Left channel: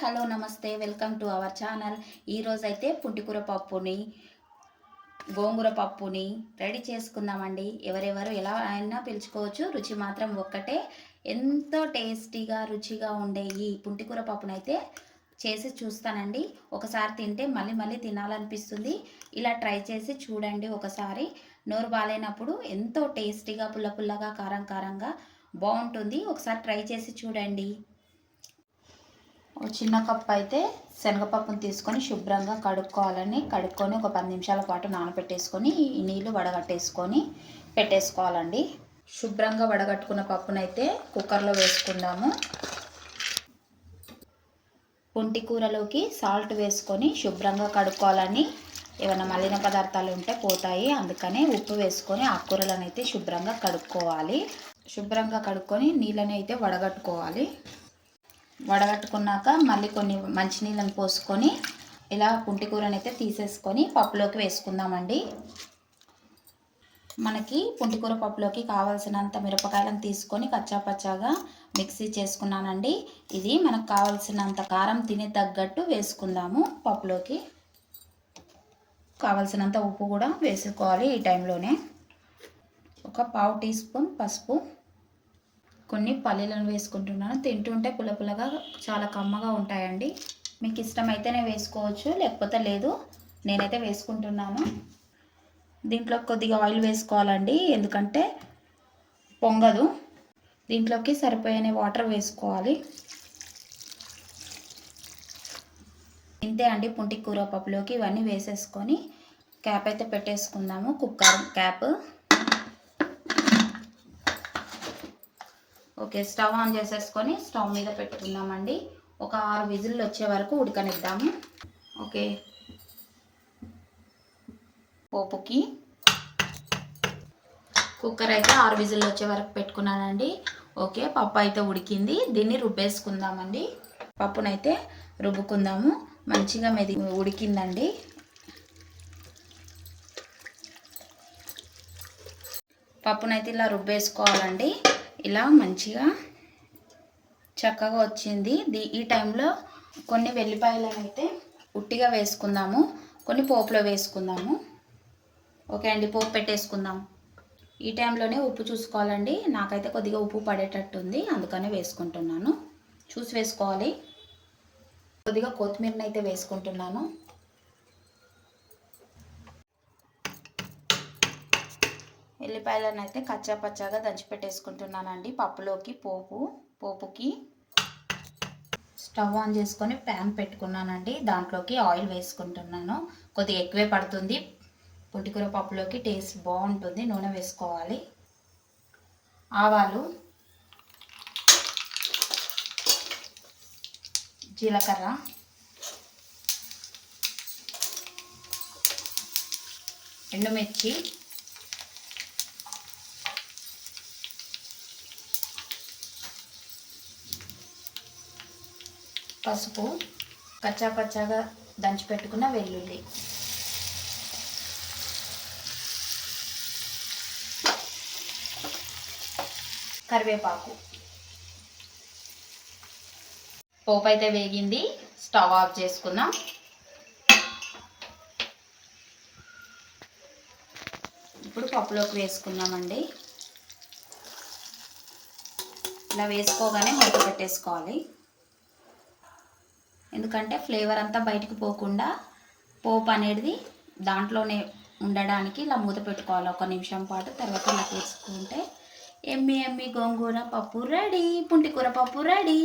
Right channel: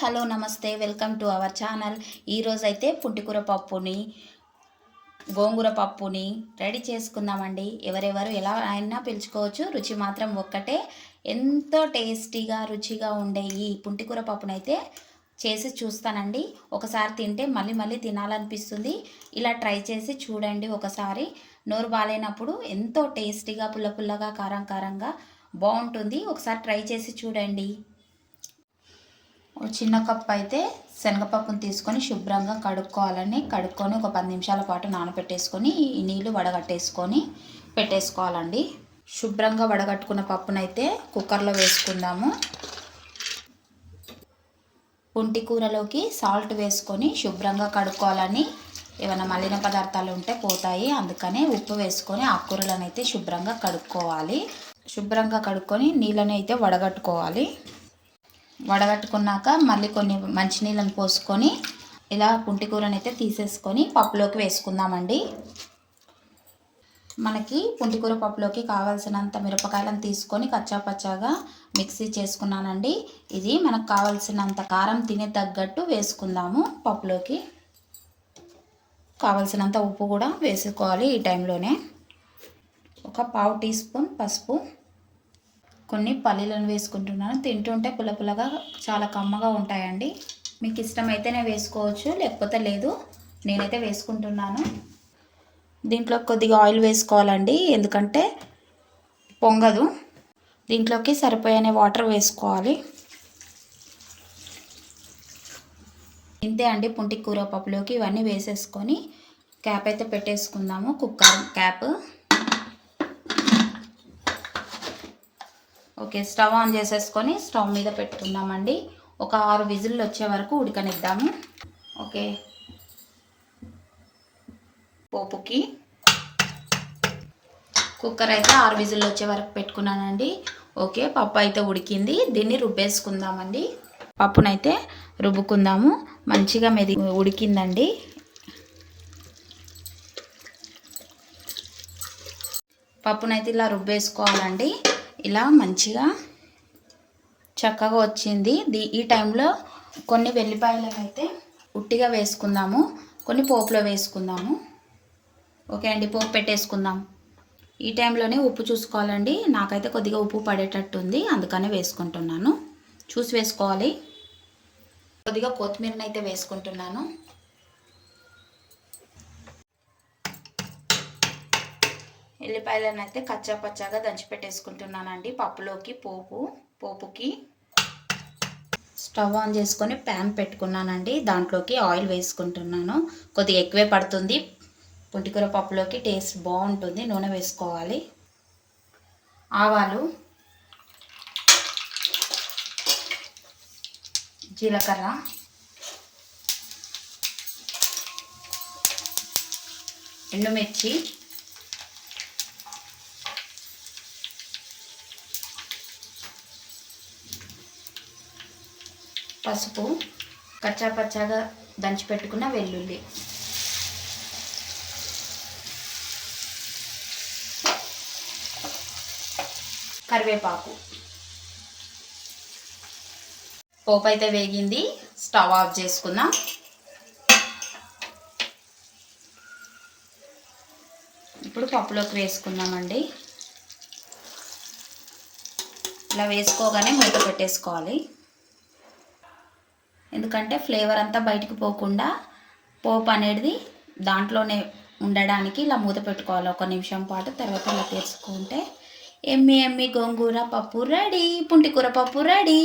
Hello నమస్తే welcome to our channel. ఈరోజైతే పుట్టికూర పుంటికూర పప్పుని గోంగూర పప్పుని రెడీ చేసుకుందామండి. ఎవరెవరు ఎలా అయినా పిలుచుకోవచ్చు. రుచి మాత్రం ఒక్కటే. ఎంతో టేస్టీగా రుచిగా ఉండే ఈ పుంటికూర పప్పునైతే చేసి చూస్తానండి. ఒకసారి తింటే మళ్ళీ మళ్ళీ తినాలనిపిస్తుంది. ఇలా ట్రై చేసి చూడండి ఒకసారి. నోరు బాగాలేనప్పుడు ఎంతో టేస్టీగా పుల్ల పుల్లగా కారం కారంగా బాగుంటుంది. ఒకసారి ట్రై చేసి చూడండి. చిన్న కప్పు అయితే శనగపప్పును తీసుకొని శుభ్రంగా కడుక్కోవాలని కడుక్కొని ఒక పది నిమిషాల పాటు నానబెట్టేసుకొని ఈ నీళ్ళు వడగట్టేసుకొని పెట్టేసుకోవాలండి. శుభ్రంగా వడగట్టుకున్న పప్పునైతే కుక్కర్లో వేసుకుందాము. పుంటి కూరలోకి సాల్ట్ వేసుకొని శుభ్రంగా కడుక్కోవాలని ఏమైనా మలిన పదార్థాలు ఉంటే పోతాయి. అందుకనే ఉప్పు వేసుకొని ఆకుకూరలను అయితే శుభ్రంగా కడుక్కోవాలి. శుభ్రంగా కడుక్కొని నీళ్ళని అయితే వడగట్టుకోవాలి. వడగట్టుకున్నాక మళ్ళీ కొన్ని మంచినీళ్ళని పోసుకొని ఇలా పుంటి కూరని అయితే తీసేసుకొని పప్పులోకి వేసుకుందామండి. మనకి పుంటికూర పప్పులోకి కావాల్సినంత మిరపకాయలను తీసుకొని కచ్చాపచ్చాగా మిక్సీ చేసుకున్నానండి. ఇది మనకు కావాల్సినంత కారం తినే తగ్గట్టు వేసుకుందాము పప్పులోకి. కావలసినంత ఉప్పు కూడా వేసుకోవాలి ఈ టైంలోనే. ఒక పావు టీ స్పూన్ పసుపు. కొన్ని పల్లీలను వేసుకుంటున్నాను. తింటుంటే పుల్ల పుల్లగా చాలా కమ్మగా ఉంటాయండి. మీకు ఇష్టమైతేనే వేసుకోవచ్చు లేకపోతే లేదు నేనైతే వేసుకుంటున్నాను. దీంట్లో కొద్దిగా ఆయిల్ వేసుకోవాలండి ఎందుకంటే పొంగదు. దీంట్లోకి సరిపోయే వాటర్ వేసుకోవాలి. ఇంతే అండి పుంటి కూర పప్పులోకి ఇవన్నీ వేసేసుకొని క్యాప్ అయితే పెట్టేసుకుందాము cooker cap. Okay stove on చేసేసుకొని స్టవ్ మీద పెట్టుకుందామండి. ఒక ఆరు విజిల్లు వచ్చే వరకు ఉడకనిద్దాము. ఓకే. పోపుకి కుక్కర్ అయితే ఆరు విజిల్లు వచ్చే వరకు పెట్టుకున్నానండి. ఓకే పప్పు అయితే ఉడికింది. దీన్ని రుబ్బేసుకుందామండి. పప్పునైతే రుబ్బుకుందాము. మంచిగా మెది ఉడికిందండి. పప్పునైతే ఇలా రుబ్బేసుకోవాలండి. ఇలా మంచిగా చక్కగా వచ్చింది. దీ ఈ టైంలో కొన్ని వెల్లిపాయలను అయితే ఉట్టిగా వేసుకుందాము. కొన్ని పోపులో వేసుకుందాము. ఓకే అండి పోపు పెట్టేసుకుందాం. ఈ టైంలోనే ఉప్పు చూసుకోవాలండి. నాకైతే కొద్దిగా ఉప్పు పడేటట్టుంది అందుకనే వేసుకుంటున్నాను. చూసి వేసుకోవాలి. కొద్దిగా కొత్తిమీరని అయితే వేసుకుంటున్నాను. ఉల్లిపాయలను అయితే కచ్చా పచ్చాగా దంచిపెట్టేసుకుంటున్నానండి. పప్పులోకి పోపు పోపుకి స్టవ్ ఆన్ చేసుకొని ప్యాన్ పెట్టుకున్నానండి. దాంట్లోకి ఆయిల్ వేసుకుంటున్నాను. కొద్దిగా ఎక్కువే పడుతుంది. పుంటికూర పప్పులోకి టేస్ట్ బాగుంటుంది. నూనె వేసుకోవాలి. ఆవాలు జీలకర్ర ఎండుమిర్చి పసుపు కచ్చా పచ్చాగా దంచి పెట్టుకున్న వెల్లుల్లి. కరివేపాకు. పోపు అయితే వేగింది. స్టవ్ ఆఫ్ చేసుకుందాం. ఇప్పుడు పప్పులోకి వేసుకుందామండి. ఇలా వేసుకోగానే మూత పెట్టేసుకోవాలి. ఎందుకంటే ఫ్లేవర్ అంతా బయటికి పోకుండా పోపు అనేది దాంట్లోనే ఉండడానికి ఇలా మూత పెట్టుకోవాలి. ఒక నిమిషం పాటు తర్వాత ఇలా తీసుకుంటే ఎమ్మి ఎమ్మి గోంగూర పప్పు రెడీ పుంటికూర పప్పు రెడీ.